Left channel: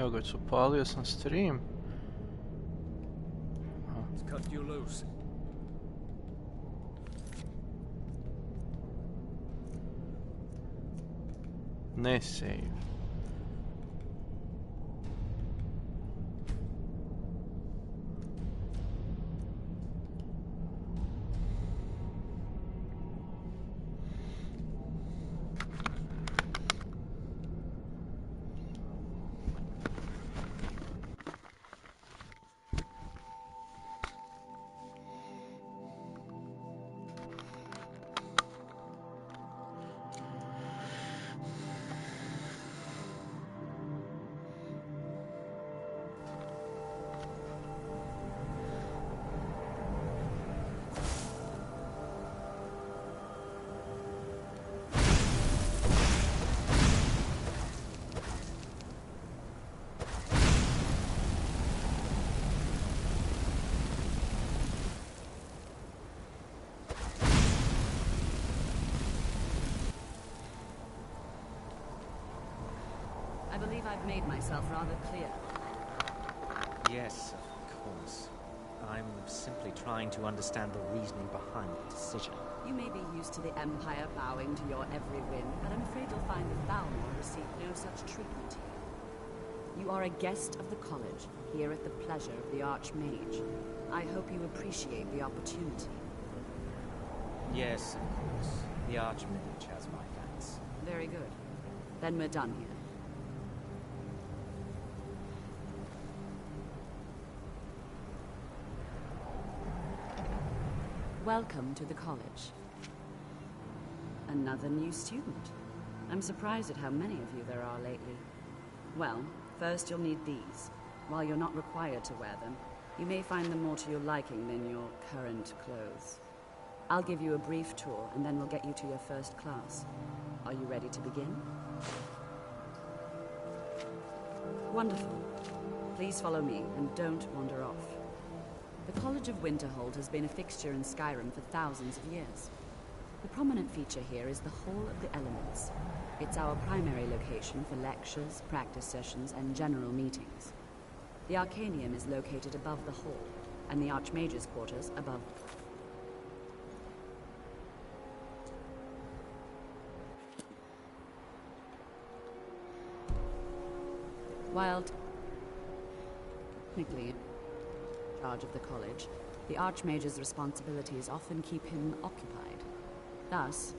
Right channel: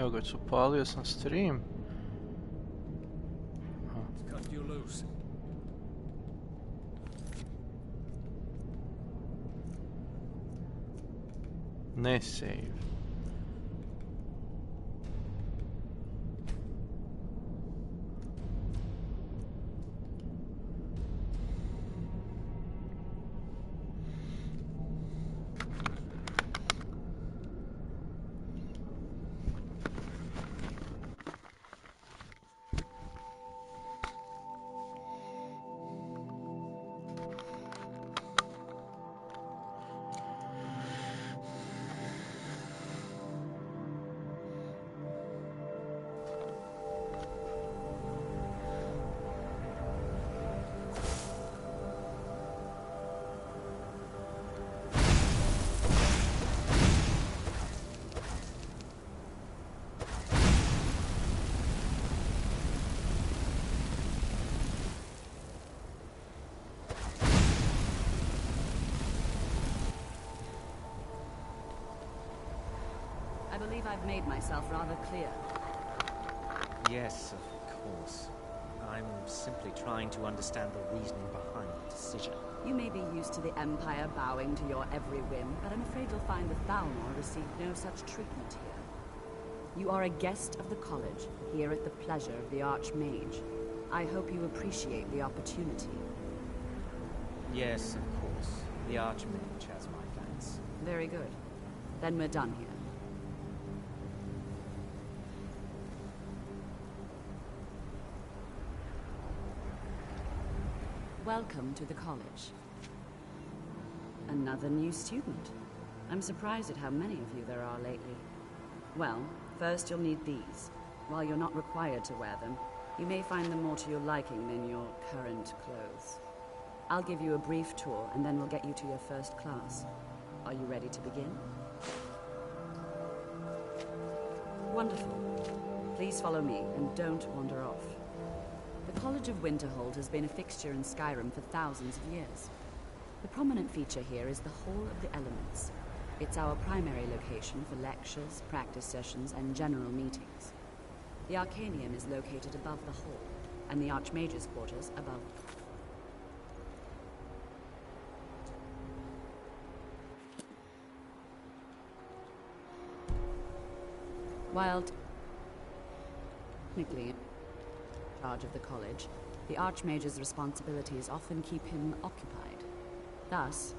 Evo ga, upalio sam stream. Cut you loose. Ne save. I believe I've made myself rather clear. Yes, of course. I'm simply trying to understand the reasoning behind the decision. You may be used to the Empire bowing to your every whim, but I'm afraid you'll find that Thalmor received no such treatment here. You are a guest of the college, here at the pleasure of the Archmage. I hope you appreciate the opportunity. Yes, of course. The Archmage has my thanks. Very good. Then we're done here. Welcome to the college. Another new student. I'm surprised at how many of you there are lately. Well, first you'll need these. While you're not required to wear them, you may find them more to your liking than your current clothes. I'll give you a brief tour, and then we'll get you to your first class. Are you ready to begin? Wonderful. Please follow me, and don't wander off. The College of Winterhold has been a fixture in Skyrim for thousands of years. The prominent feature here is the Hall of the Elements. It's our primary location for lectures, practice sessions, and general meetings. The Arcanium is located above the hall, and the Archmage's quarters above. While technically in charge of the college, the Archmage's responsibilities often keep him occupied. Thus,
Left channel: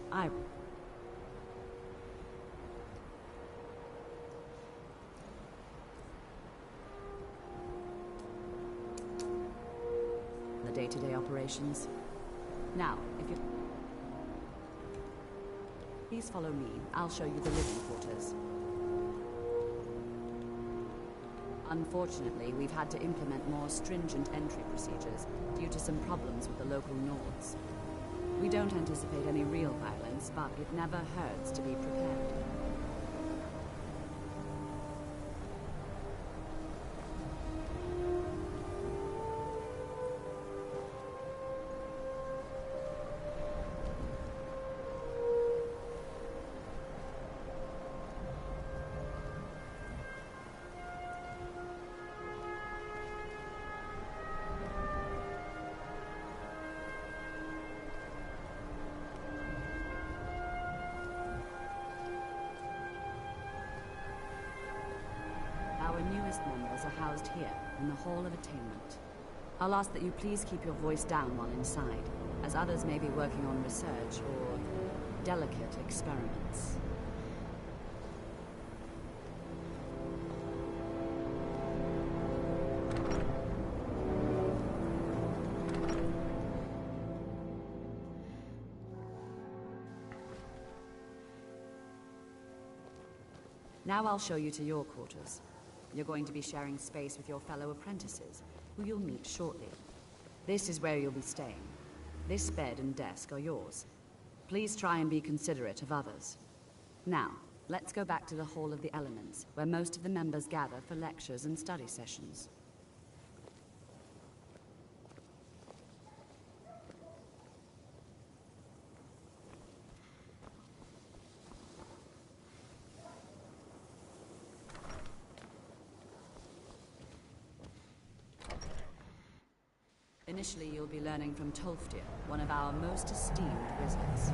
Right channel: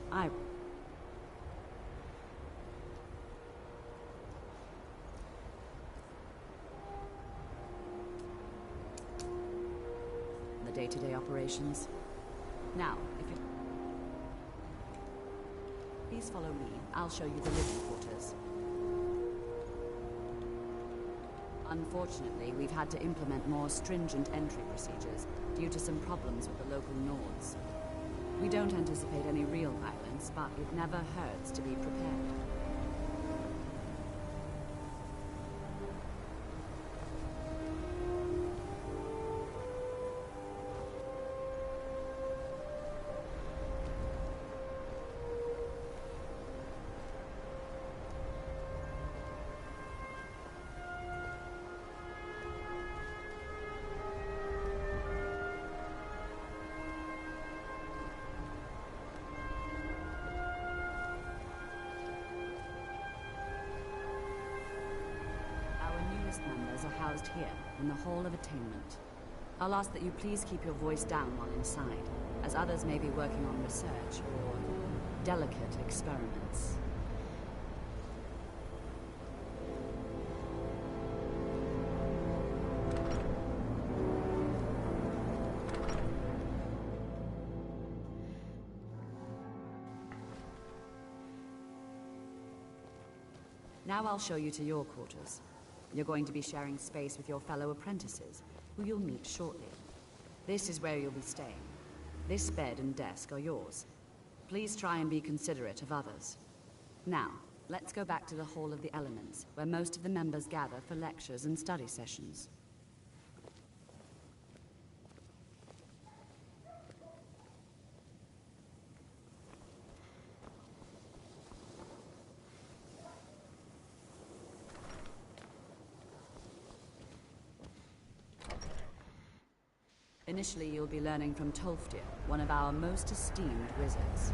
the day-to-day operations. Now, if you please follow me, I'll show you the living quarters. Unfortunately, we've had to implement more stringent entry procedures due to some problems with the local Nords. We don't anticipate any real violence, but it never hurts to be prepared. Our newest members are housed here, in the Hall of Attainment. I'll ask that you please keep your voice down while inside, as others may be working on research or delicate experiments. Now I'll show you to your quarters. You're going to be sharing space with your fellow apprentices, who you'll meet shortly. This is where you'll be staying. This bed and desk are yours. Please try and be considerate of others. Now, let's go back to the Hall of the Elements, where most of the members gather for lectures and study sessions. Initially, you'll be learning from Tolfdir, one of our most esteemed wizards.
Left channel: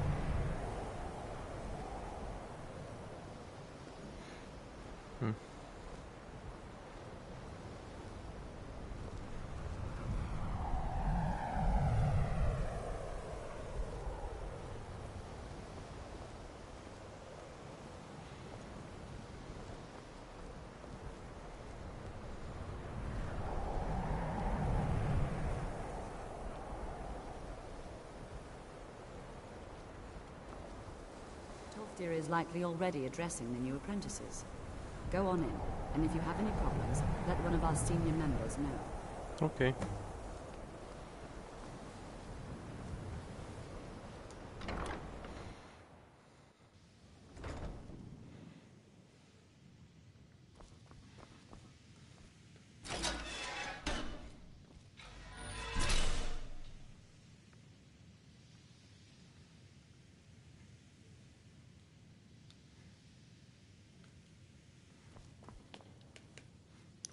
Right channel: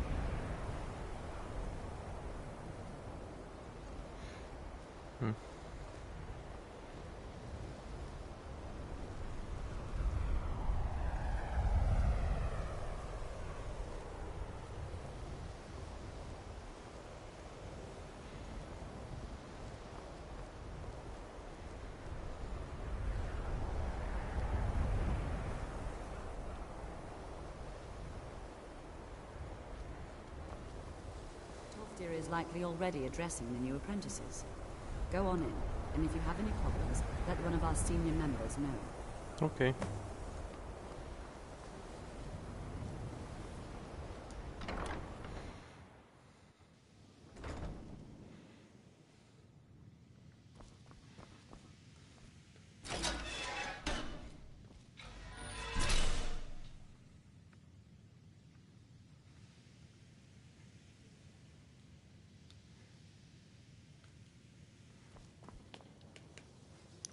Tolfdir is likely already addressing the new apprentices. Go on in, and if you have any problems, let one of our senior members know. Okay.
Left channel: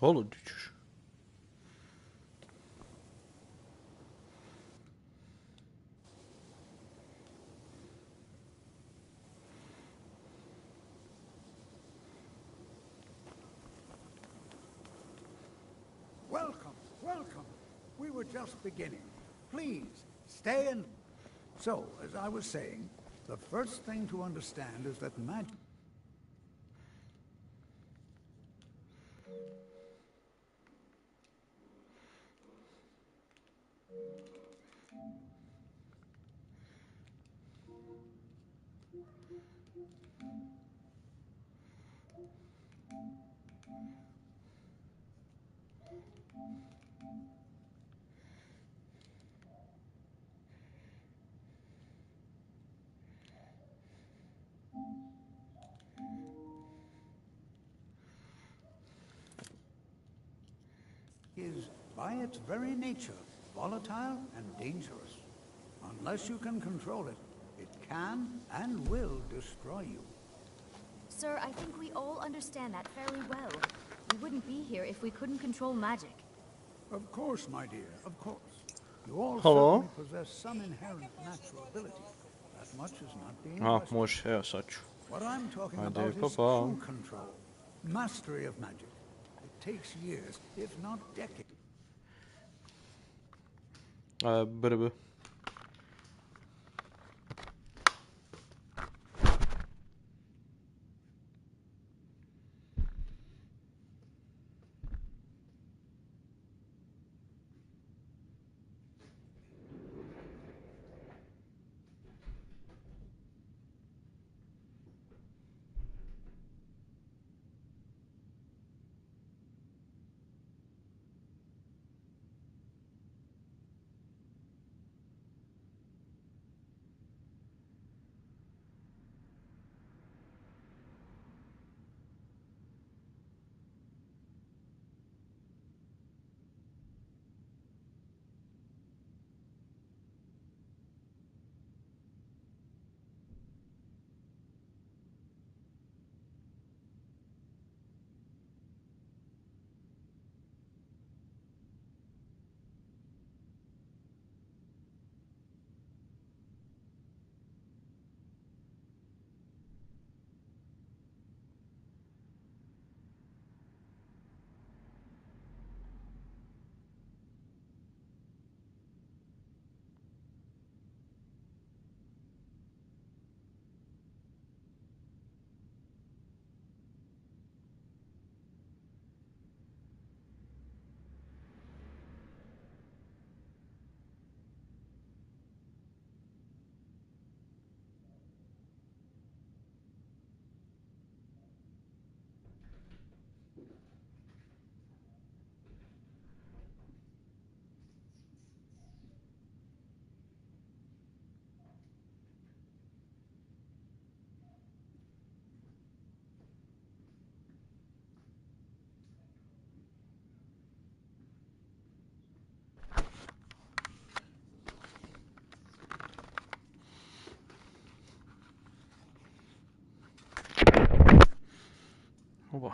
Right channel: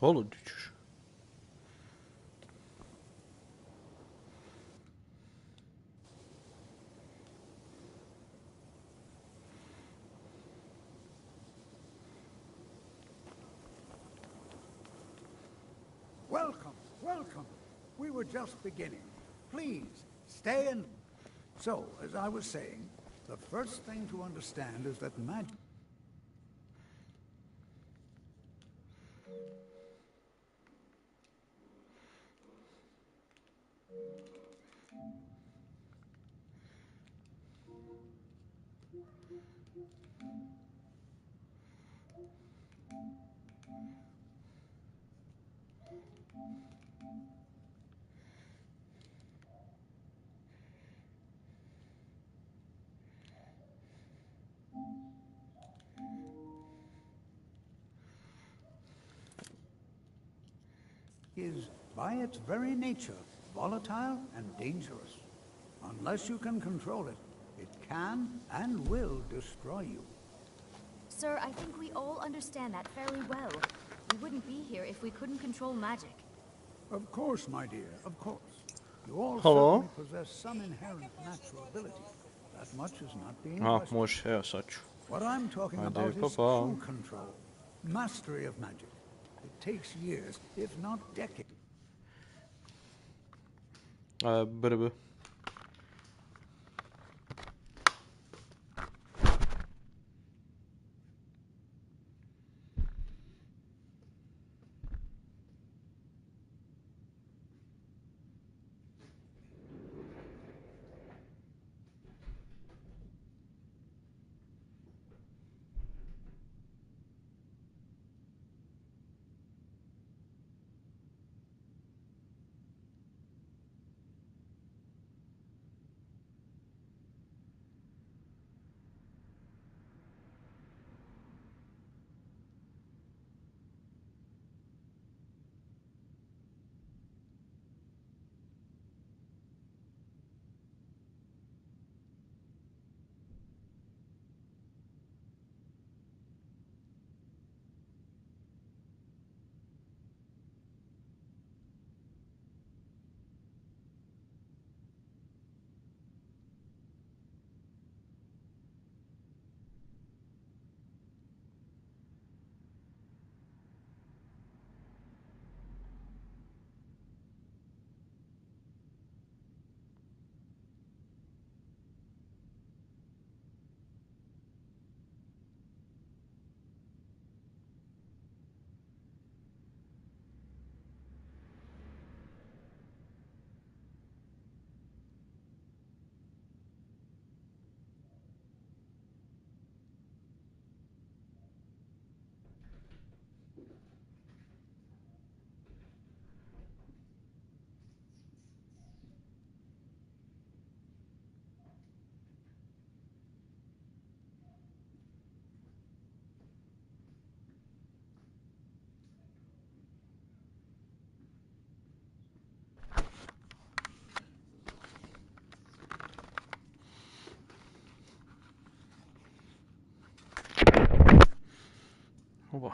Olur düşür. Welcome, welcome. We were just beginning. Please, stay and... So, as I was saying, the first thing to understand is that magic... is, by its very nature, volatile and dangerous. Unless you can control it, it can and will destroy you. Sir, I think we all understand that fairly well. We wouldn't be here if we couldn't control magic. Of course, my dear, of course. You all Hello? certainly possess some inherent natural ability. That much is not being Ah, questioned. može, evo sad ću. What I'm talking Hadi, about is pa. true control. Mastery of magic. It takes years, if not decades. Brb. Oba.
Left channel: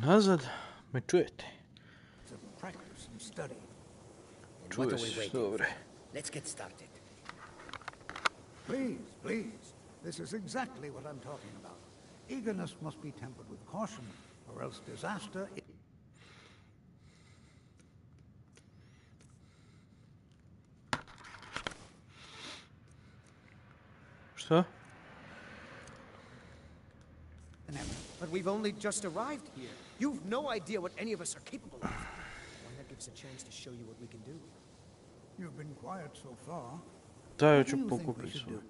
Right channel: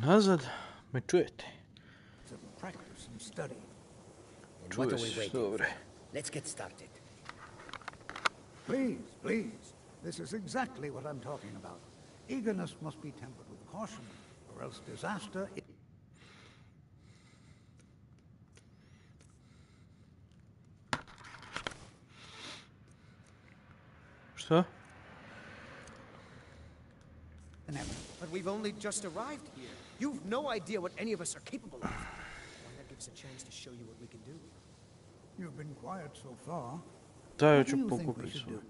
nazad. Me čujete? To practice and study. And what Čuje are we se, waiting dobro. for? Let's get started. Please, please. This is exactly what I'm talking about. Eagerness must be tempered with caution, or else disaster... Šta? But we've only just arrived here. You've no idea what any of us are capable of. Why not give us a chance to show you what we can do? You've been quiet so far. Da, ja What do ću you think we pokupiti should svoj. do?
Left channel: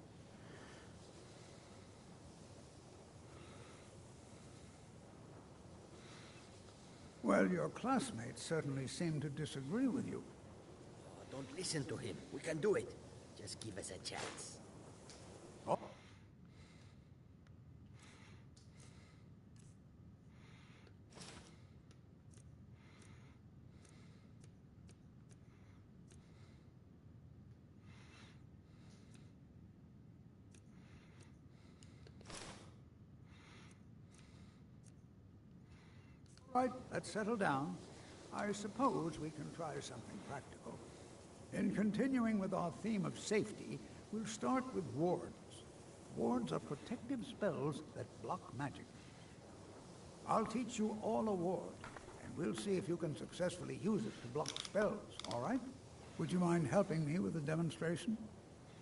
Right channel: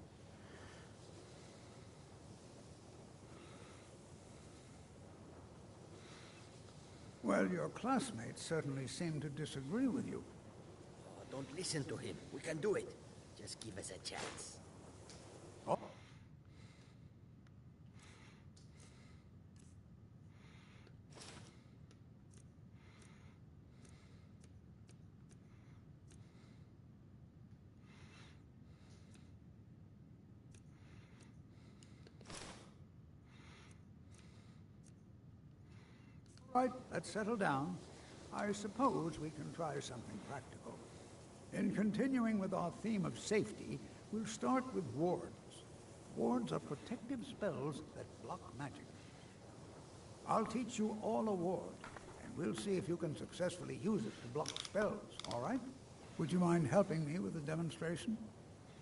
Well, your classmates certainly seem to disagree with you. Oh, don't listen to him. We can do it. Just give us a chance. Oh. Right, let's settle down. I suppose we can try something practical. In continuing with our theme of safety, we'll start with wards. Wards are protective spells that block magic. I'll teach you all a ward, and we'll see if you can successfully use it to block spells, all right? Would you mind helping me with the demonstration?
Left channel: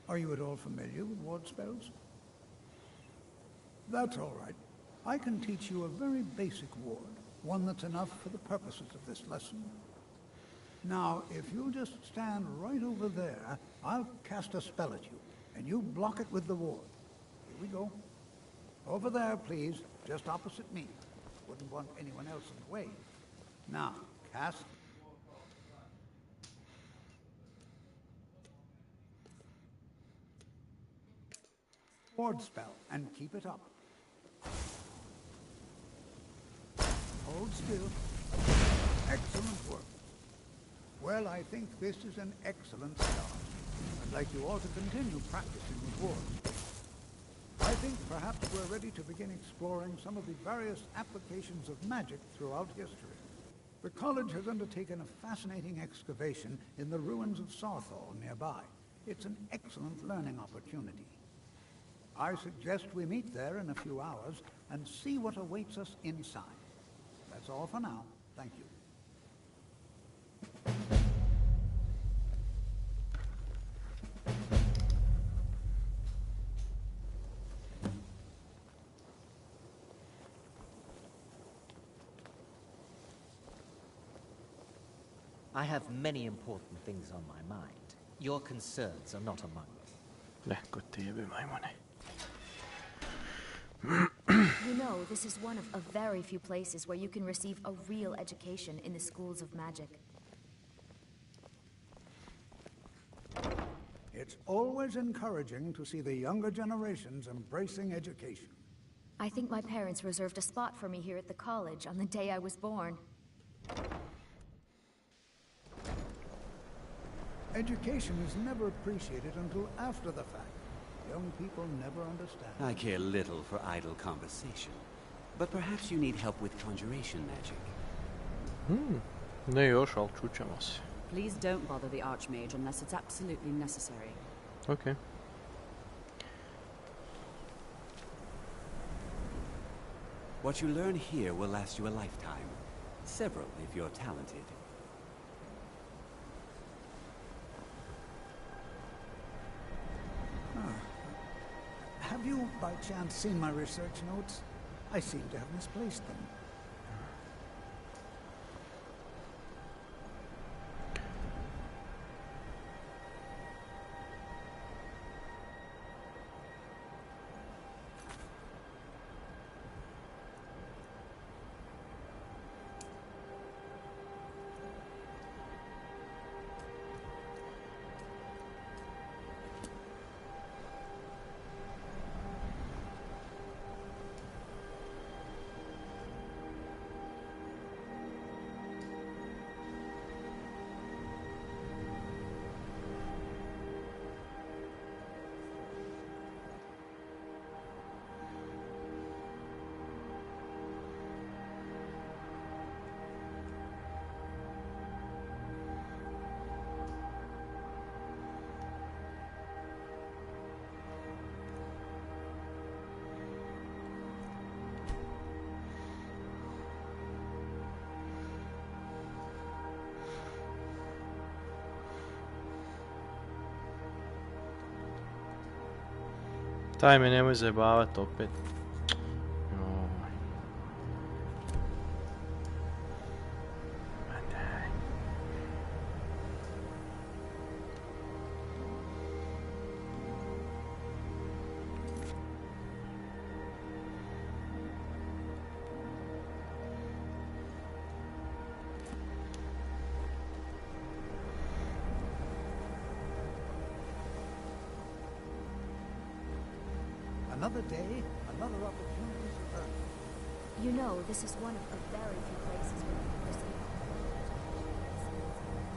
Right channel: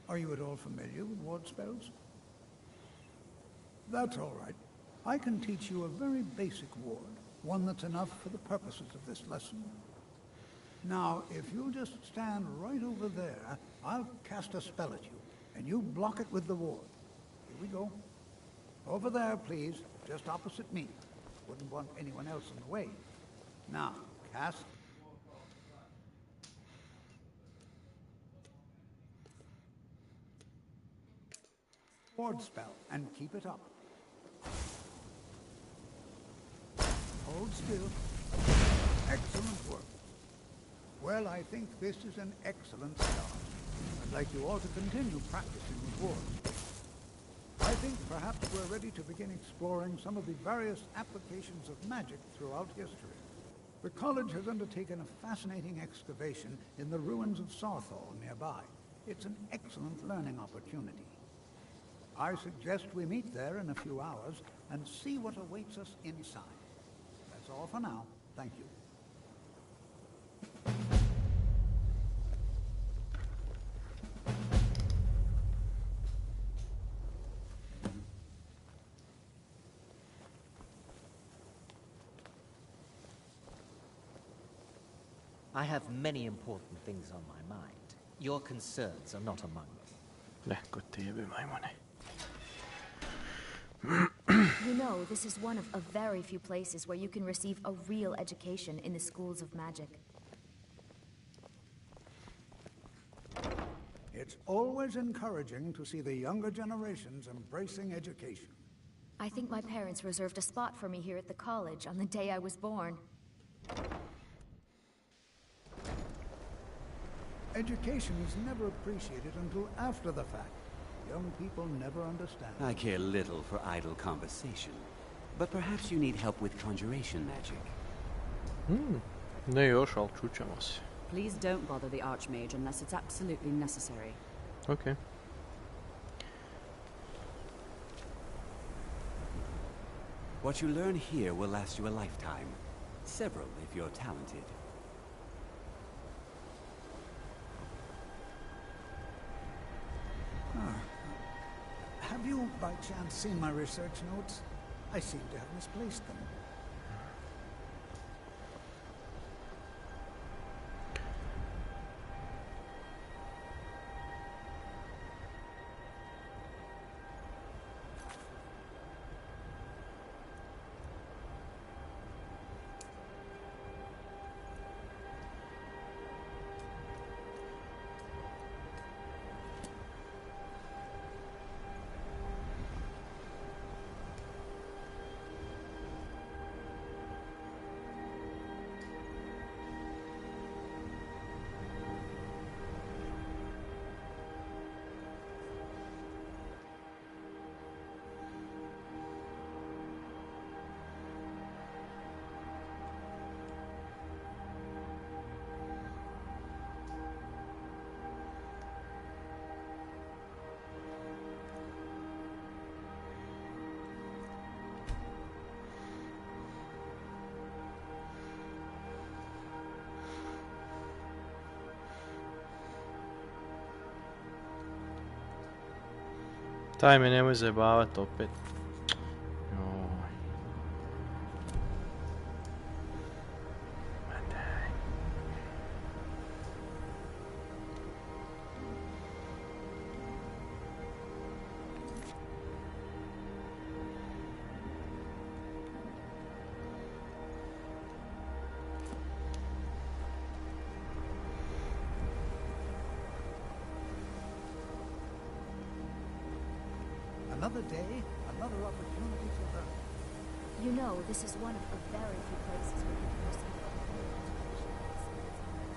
Are you at all familiar with ward spells? That's all right. I can teach you a very basic ward, one that's enough for the purposes of this lesson. Now, if you'll just stand right over there, I'll cast a spell at you, and you block it with the ward. Here we go. Over there, please, just opposite me. Wouldn't want anyone else in the way. Now, cast. Ward spell, and keep it up. Hold still. Excellent work. Well, I think this is an excellent start. I'd like you all to continue practicing with wards. I think perhaps we're ready to begin exploring some of the various applications of magic throughout history. The college has undertaken a fascinating excavation in the ruins of Sarthal nearby. It's an excellent learning opportunity. I suggest we meet there in a few hours and see what awaits us inside. That's all for now. Thank you. I have many important things on my mind. Your concerns are not among them. Lähkö TV, maimone? You know, this is one of very few places where you can receive a real education in the schools of magic. It's always encouraging to see the younger generations embracing education. I think my parents reserved a spot for me here at the college on the day I was born. Education is never appreciated until after the fact. Young people never understand. I care little for idle conversation, but perhaps you need help with conjuration magic. Ne još, ali čućemo se. Please don't bother the Archmage unless it's absolutely necessary. Okay. What you learn here will last you a lifetime. Several, if you're talented. Have you, by chance, seen my research notes? I seem to have misplaced them. Taj me nemoj zajebavat opet. Joj. Ma daj. Another day, another opportunity to learn. You know, this is one of a very few places where you can receive a full education at the same time.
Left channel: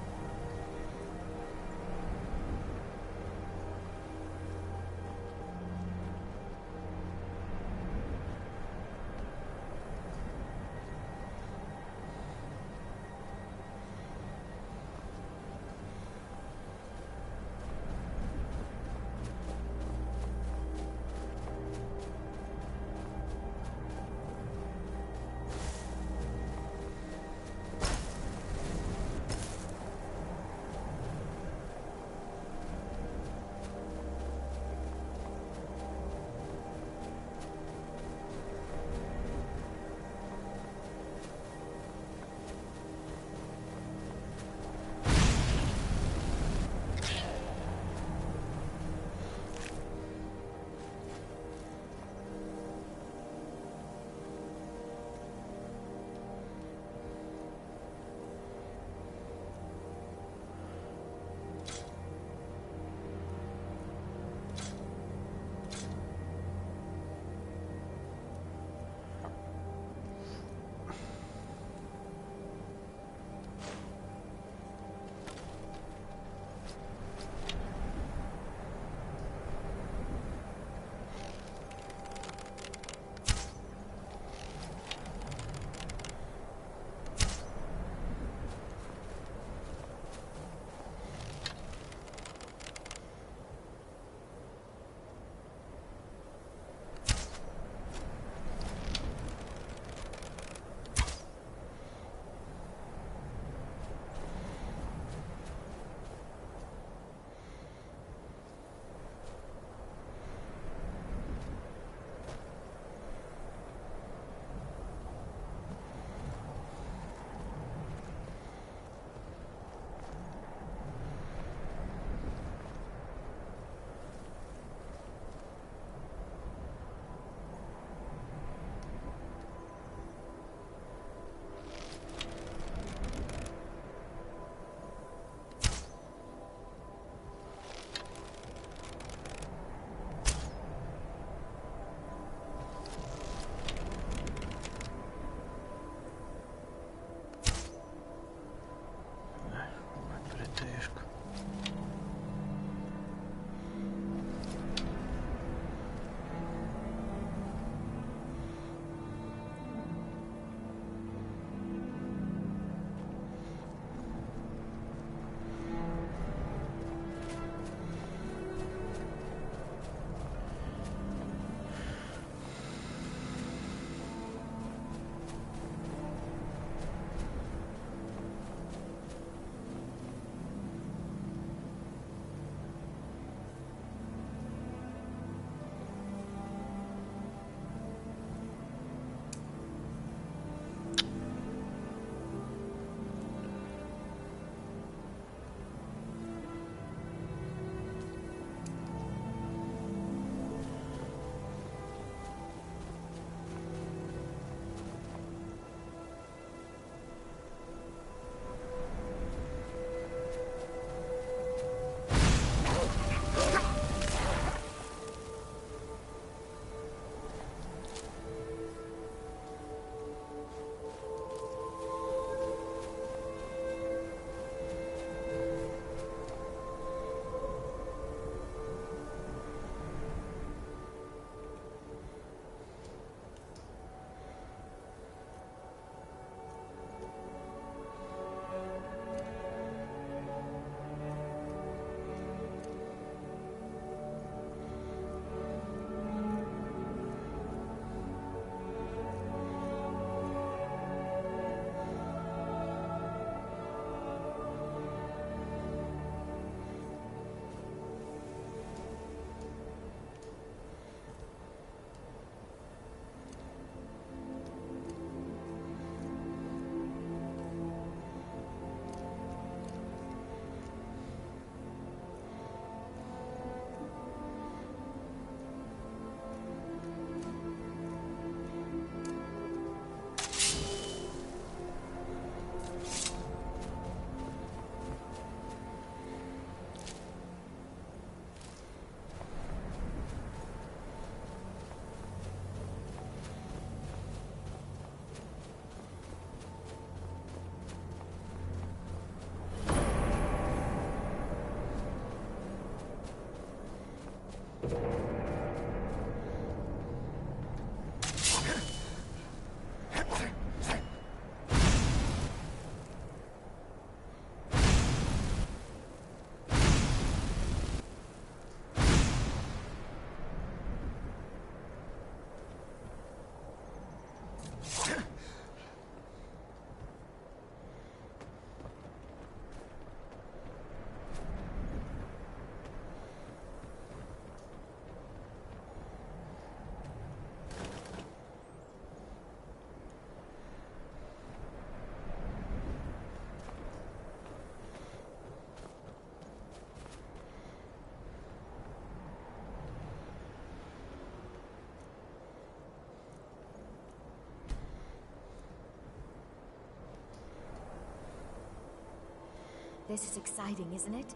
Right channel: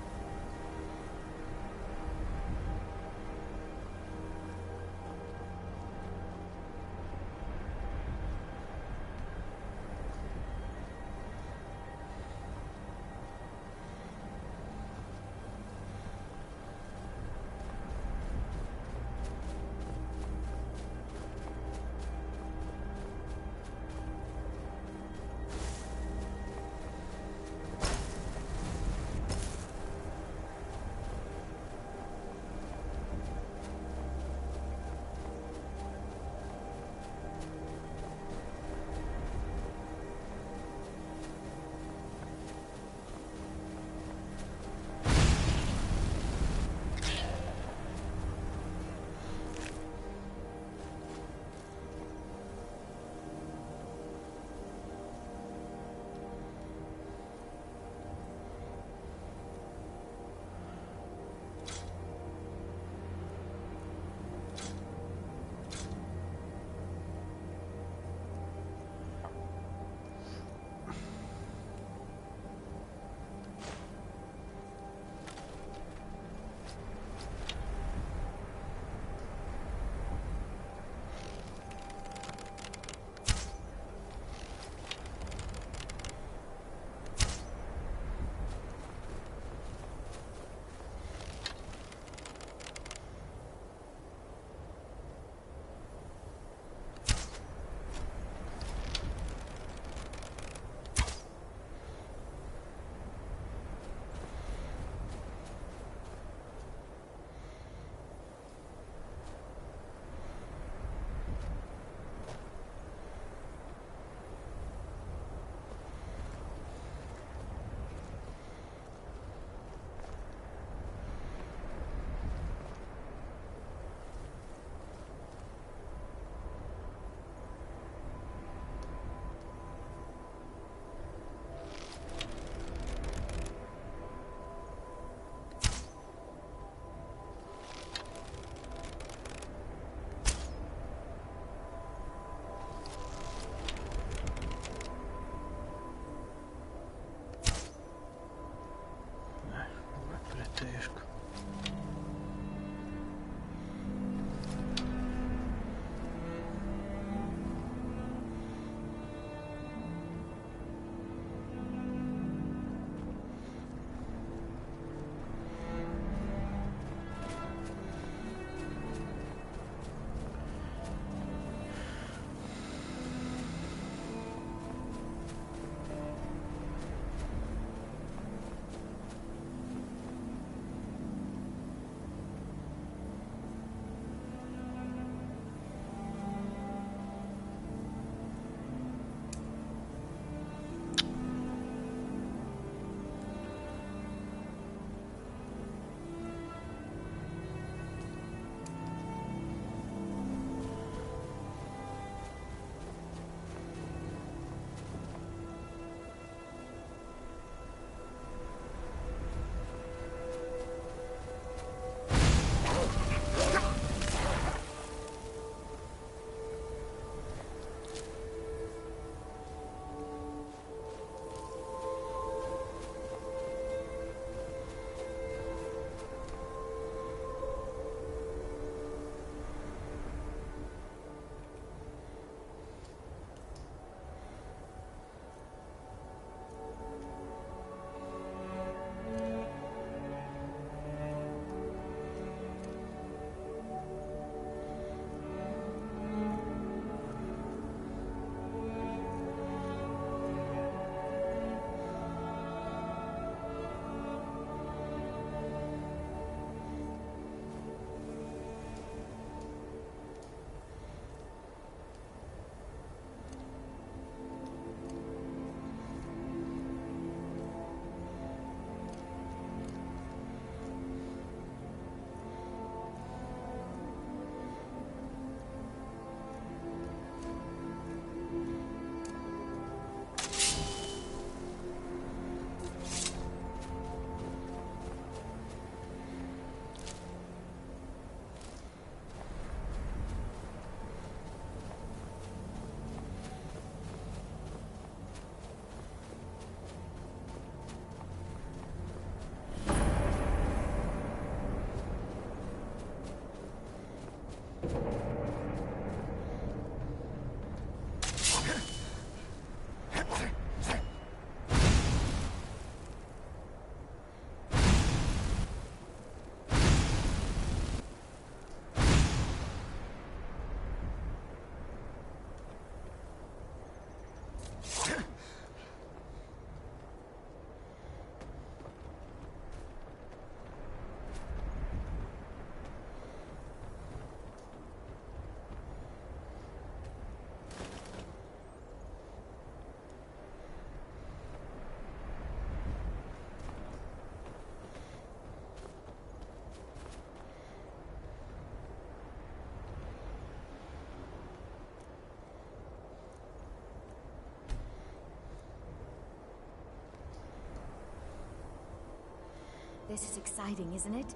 This is exciting, isn't it?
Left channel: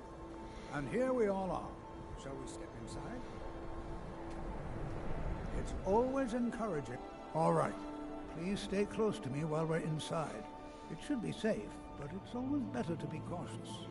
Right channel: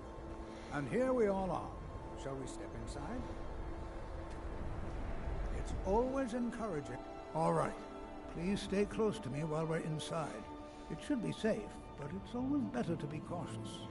And here we all are. Shall we step inside? It's always encouraging. All right. Please stay close to me while we're inside. It should be safe, but it's always better to be cautious.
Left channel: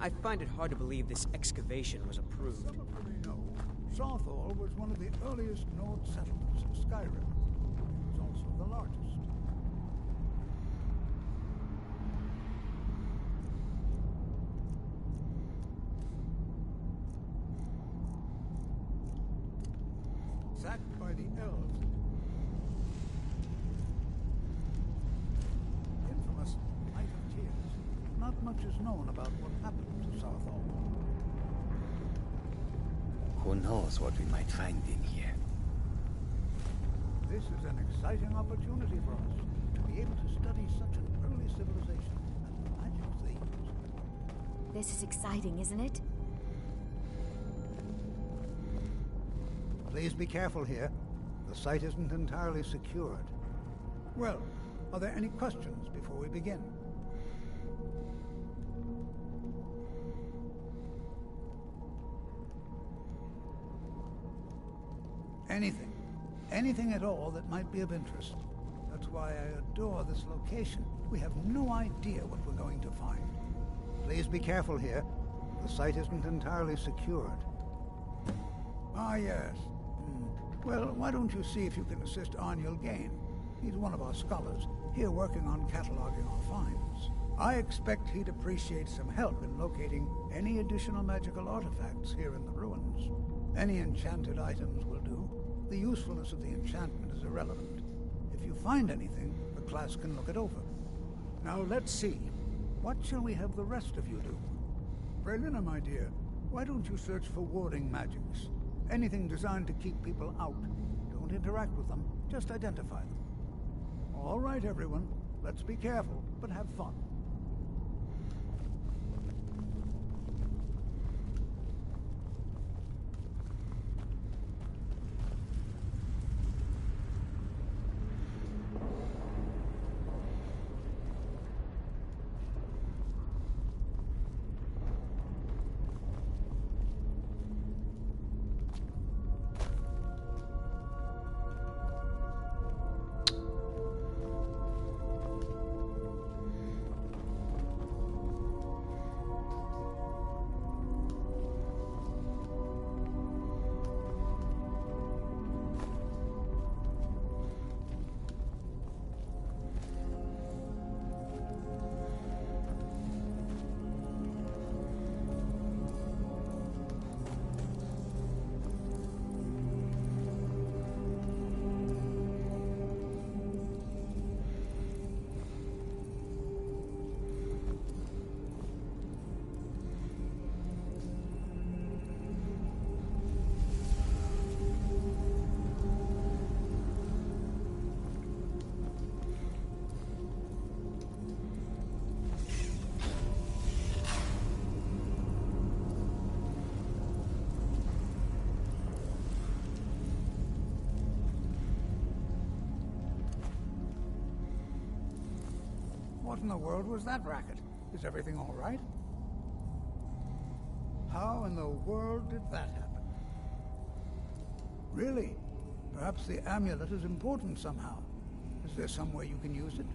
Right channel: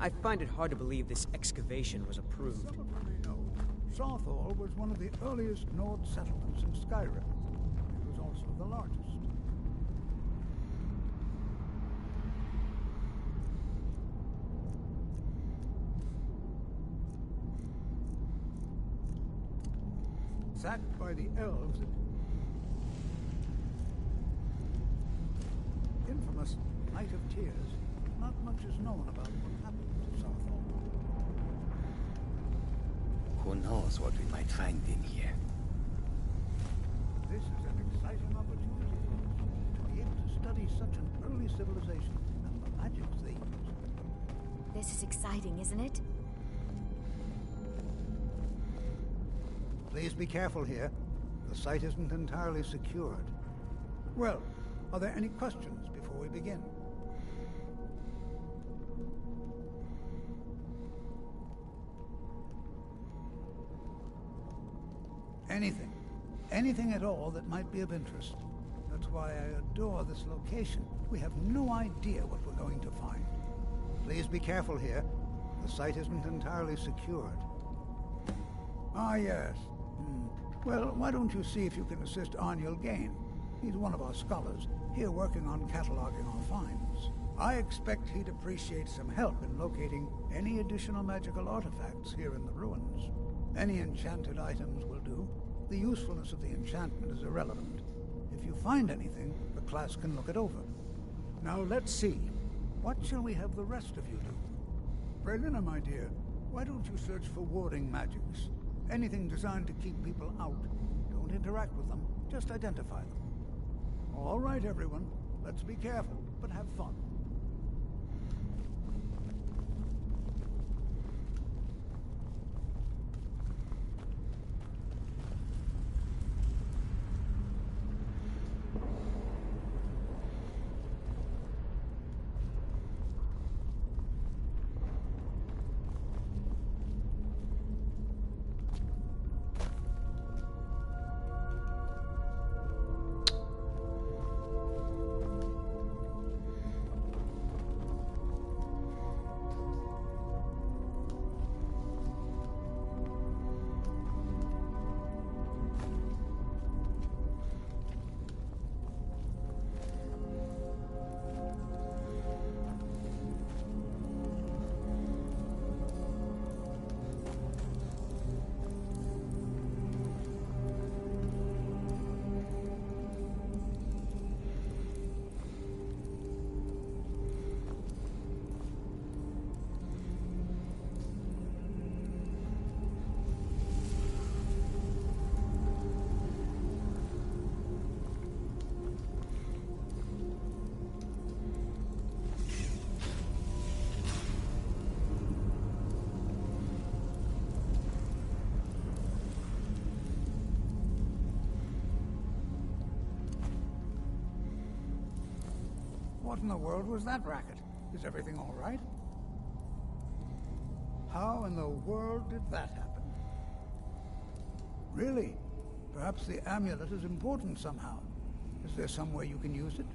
I find it hard to believe this excavation was approved. Some of you may know, Sawthall was one of the earliest Nord settlements in Skyrim. It was also the largest. Sacked by the elves, infamous Night of Tears. Not much is known about what happened to Sawthall. Who knows what we might find in here? This is an exciting opportunity for us to be able to study such an early civilization and the magics they used. This is exciting, isn't it? Please be careful here. The site isn't entirely secured. Well, are there any questions before we begin? Anything. Anything at all that might be of interest. That's why I adore this location. We have no idea what we're going to find. Please be careful here. The site isn't entirely secured. Ah, yes. Well, why don't you see if you can assist Arniel Gain? He's one of our scholars, here working on cataloging our finds. I expect he'd appreciate some help in locating any additional magical artifacts here in the ruins. Any enchanted items will do. The usefulness of the enchantment is irrelevant. If you find anything, the class can look it over. Now let's see. What shall we have the rest of you do? Brelina, my dear, why don't you search for warding magics? Anything designed to keep people out. Don't interact with them, just identify them. All right, everyone. Let's be careful, but have fun. What in the world was that racket? Is everything all right? How in the world did that happen? Really? Perhaps the amulet is important somehow. Is there some way you can use it?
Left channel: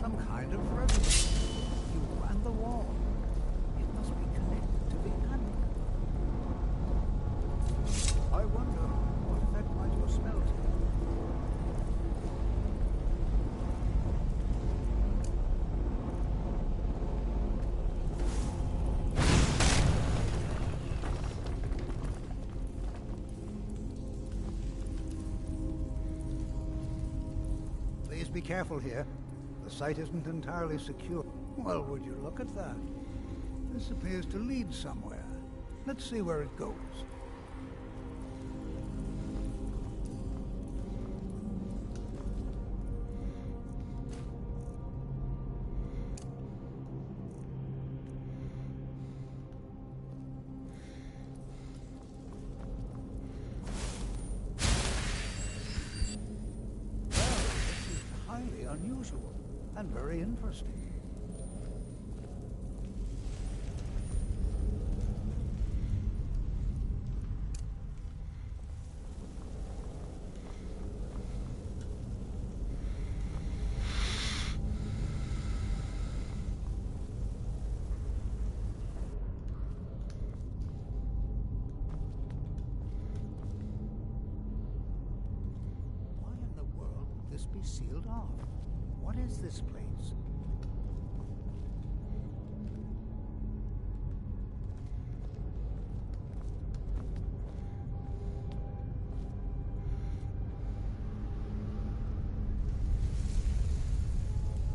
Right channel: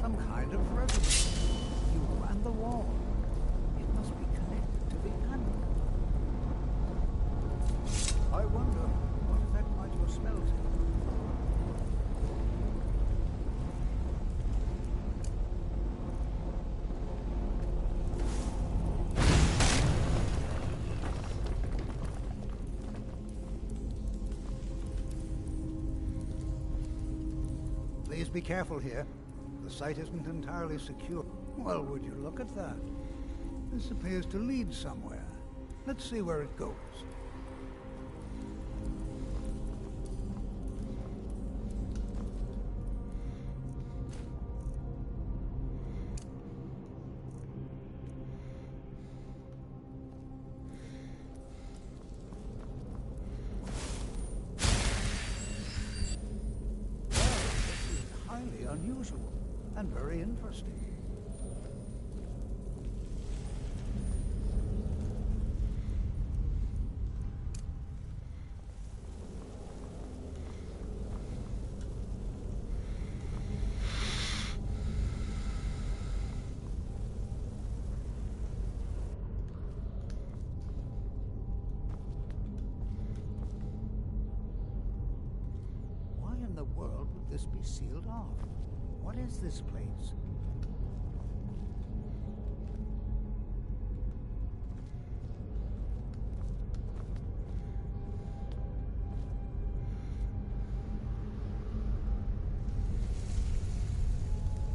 Some kind of resonance. You and the wall. It must be connected to the amulet. I wonder what effect might your spell take. Please be careful here. The site isn't entirely secure. Well, would you look at that? This appears to lead somewhere. Let's see where it goes. Highly unusual and very interesting. Why in the world would this be sealed off? What is this place?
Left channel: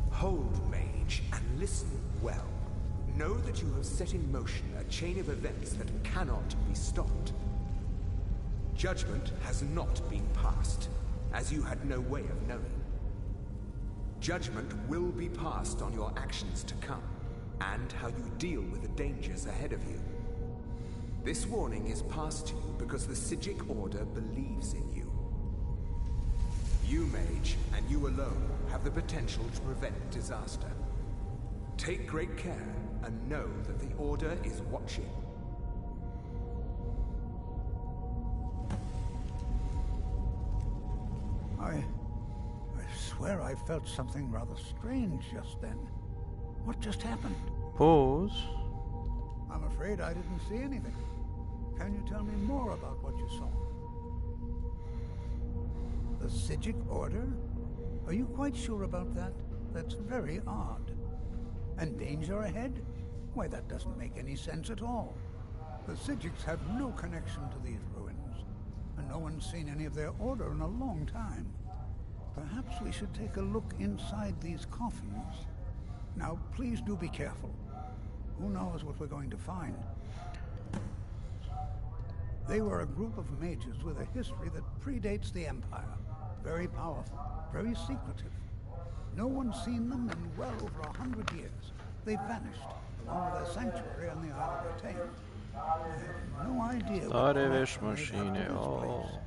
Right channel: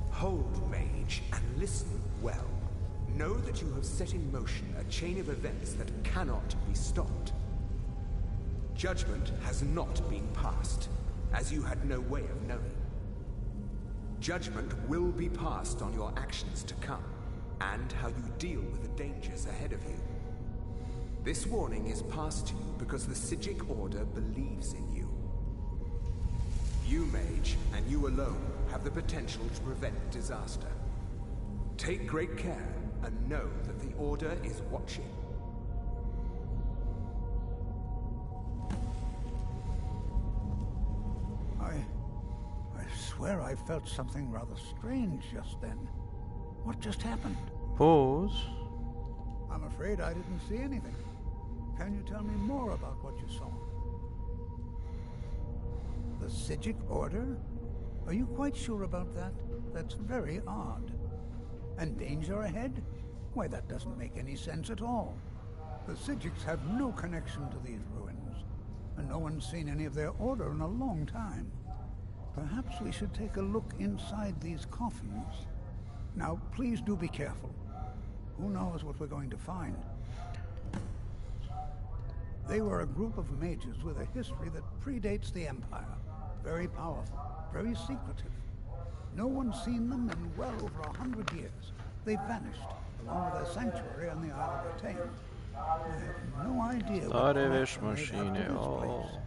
Hold, mage, and listen well. Know that you have set in motion a chain of events that cannot be stopped. Judgment has not been passed, as you had no way of knowing. Judgment will be passed on your actions to come, and how you deal with the dangers ahead of you. This warning is passed to you because the Psijic Order believes in you. You, mage, and you alone, have the potential to prevent disaster. Take great care, and know that the Order is watching. I swear I felt something rather strange just then. What just happened? Pause. I'm afraid I didn't see anything. Can you tell me more about what you saw? The Psijic Order? Are you quite sure about that? That's very odd. And danger ahead? Why, that doesn't make any sense at all. The Psijics have no connection to these ruins, and no one's seen any of their order in a long time. Perhaps we should take a look inside these coffins. Now, please do be careful. Who knows what we're going to find? They were a group of mages with a history that predates the Empire. Very powerful, very secretive. No one's seen them in well over 100 years. They've vanished, along with their sanctuary on the Isle of Retain. I have no idea what Stare connection they have to vešmašine, this o. place.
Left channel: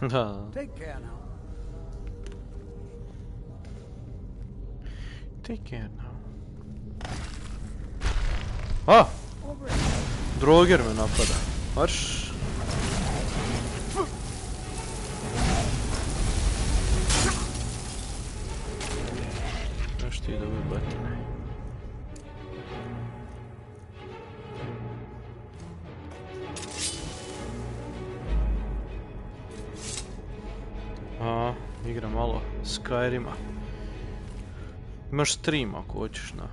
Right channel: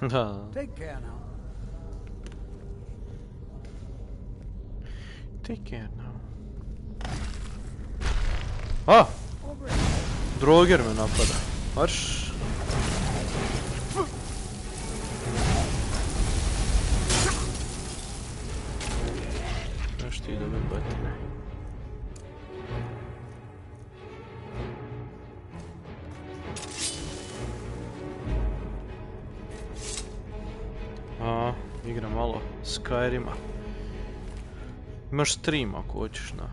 Da. Take care now. Take care now. Ah! Droger me napada. Marš. Znaš ti dobi batine. Igram malo Skyrima. Imaš stream ako hoćeš na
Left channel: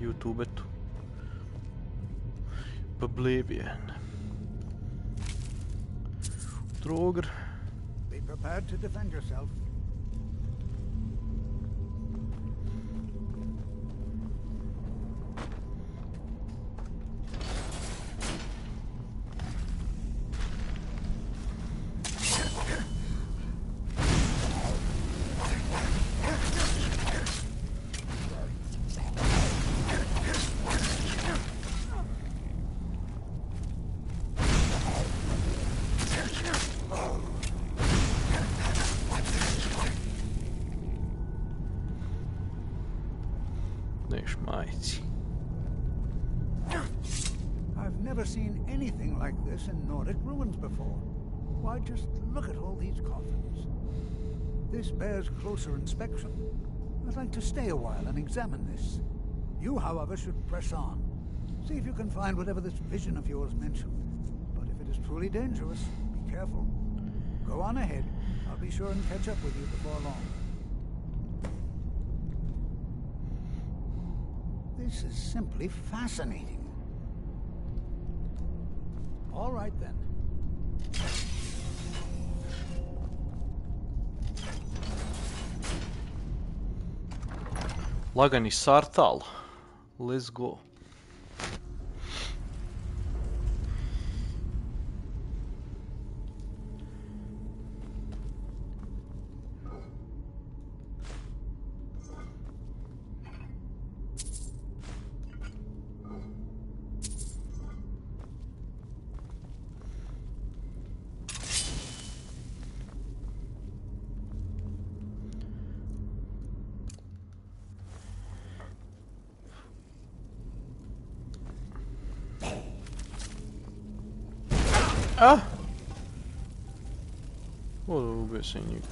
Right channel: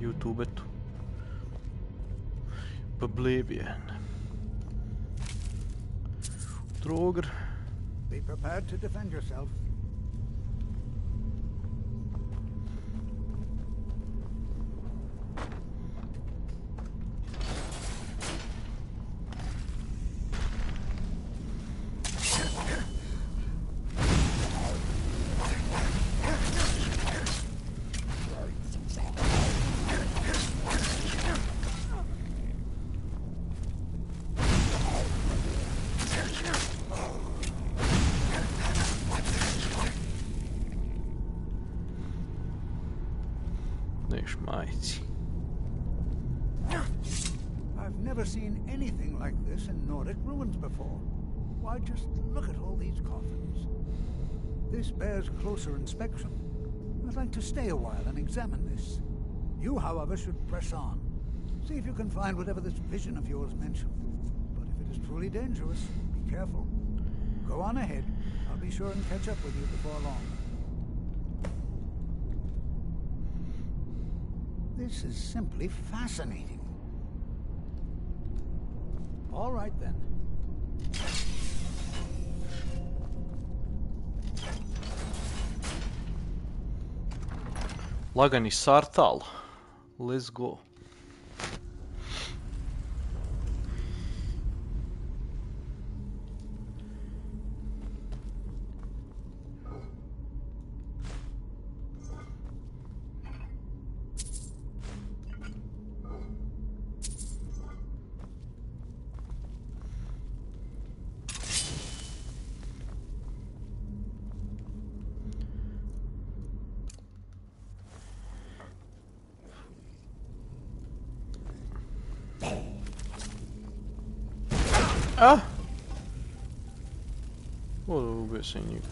YouTubetu. Oblivion. Droger. Be prepared to defend yourself. I've never seen anything like this in Nordic ruins before. Why, just look at all these coffins. This bears closer inspection. I'd like to stay a while and examine this. You, however, should press on. See if you can find whatever this vision of yours mentioned. But if it is truly dangerous, be careful. Go on ahead. I'll be sure and catch up with you before long. This is simply fascinating. All right then. Lagani Sartal. Let's go. A? Ubio sam njih.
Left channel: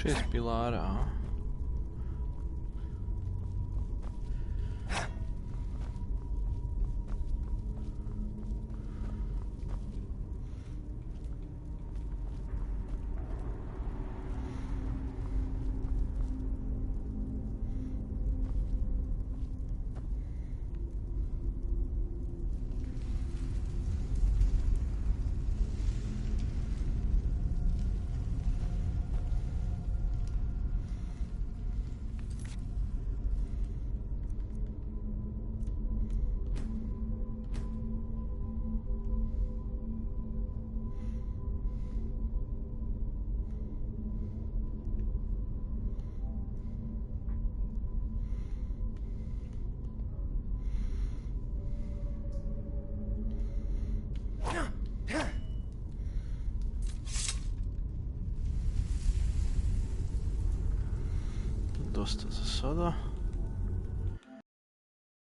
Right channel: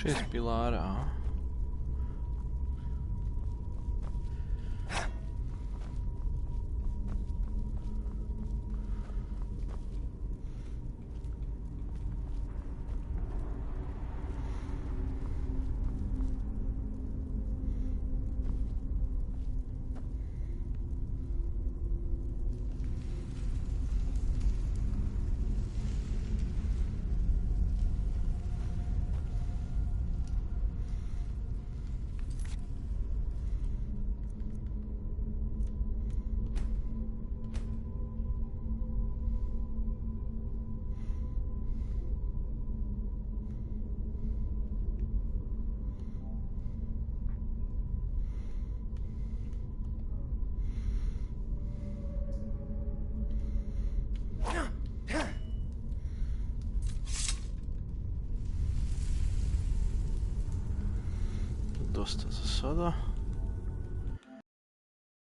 Šest pilara, a? dosta za sada.